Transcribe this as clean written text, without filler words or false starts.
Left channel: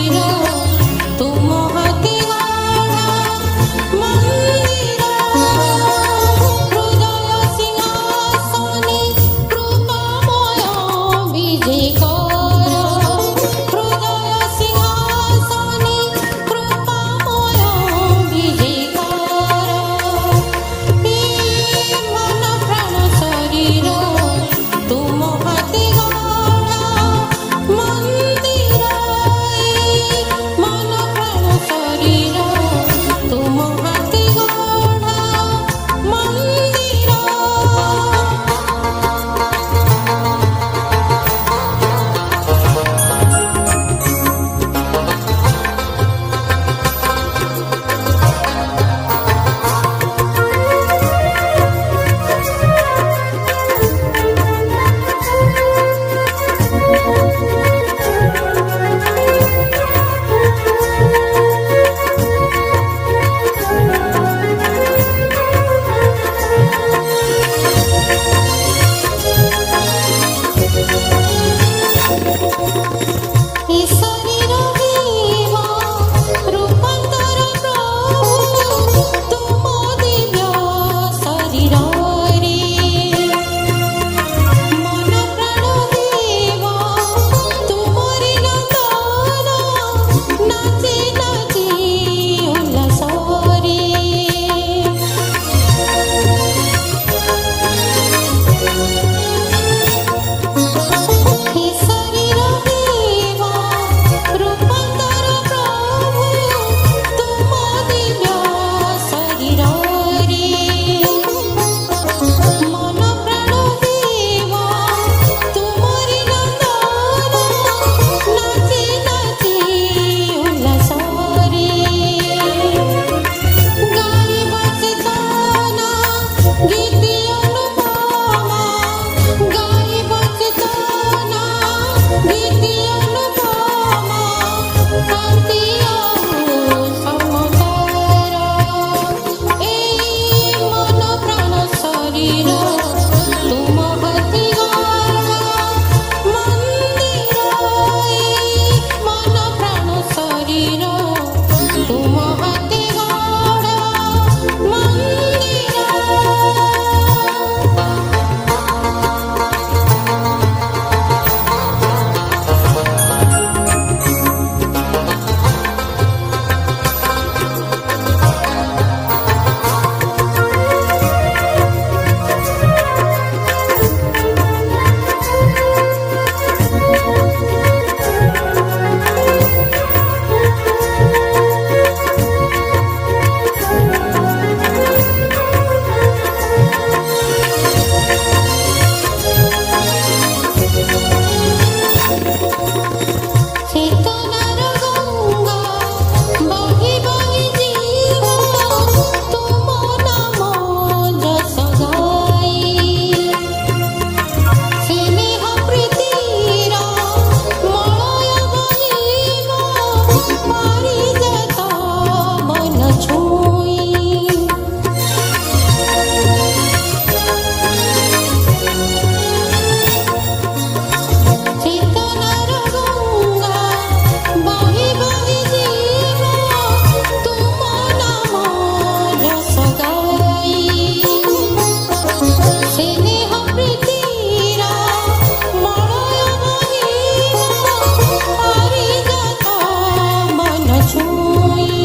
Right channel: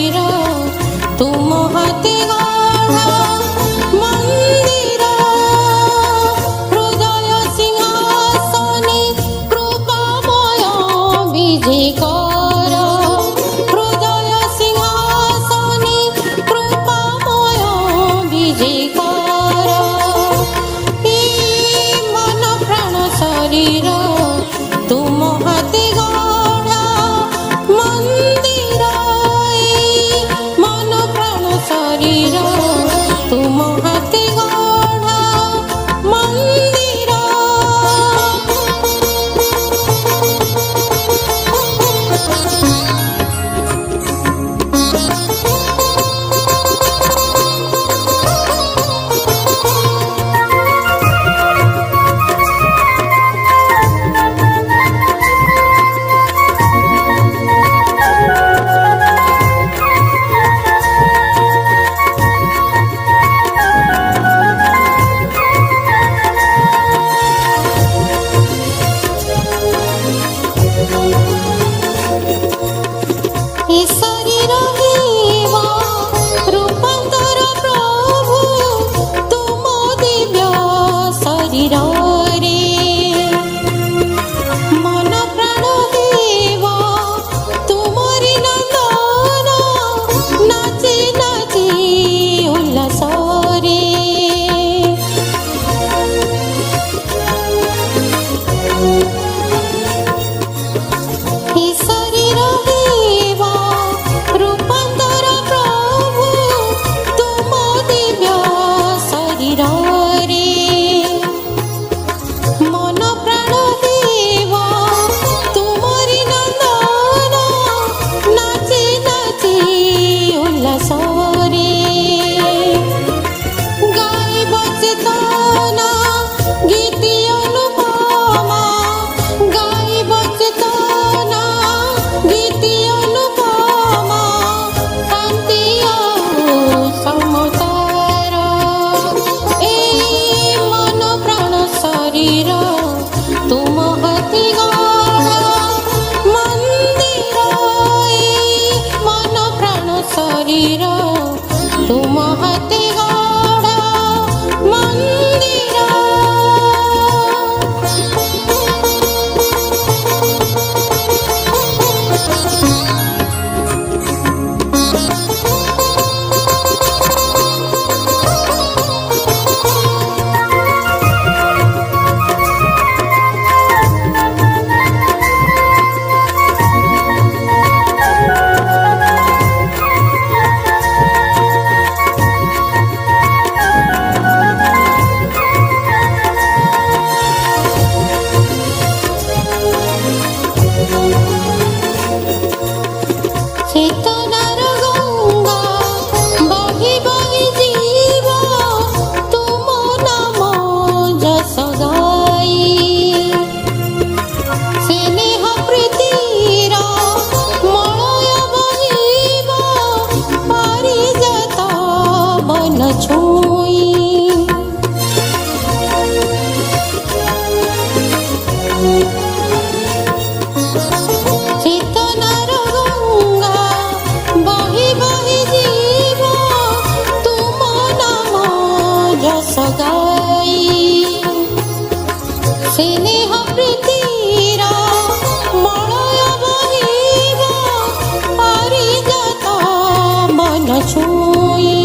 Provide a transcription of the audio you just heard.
शरीर तुम हाथे गढ़ा मंदिर हृदय सिंहासने कृपामय विजय कर हृदय सिंहासने कृपामय विजय कर मन प्राण शरीर तुम हाथे गढ़ा मंदिर मन प्राण शरीर तुम हाथे गढ़ा मंदिर ए शरीर हेवा रूपांतर प्रभु तुम दिव्य शरीर रे मन प्राण हेवा तुमरी नंदन नाचे नाचे उल्लास रे हे शरीर हेवा रूपांतर प्रभु तुम दिव्य शरीर रे मन प्राण हेवा तुमरी नंदन नाचे नाचे उल्लास रे गाइब चेतना गीति अनुपमा गाइब चेतना गीति अनुपमा शांति समतार ए मन प्राण शरीर तुम हाथी गढ़ा मंदिर मन प्राण शरीर तुम हाथी गढ़ा मंदिर चेतनार गंगा बही बही जीव तुम नाम जस गाई स्नेह प्रीतिर मलय बहिब पारिजात बन छुई चेतनार गंगा बही बही जीव तुम नाम जस गाई स्नेह प्रीतिर मलय बहिब पारिजात मन छुई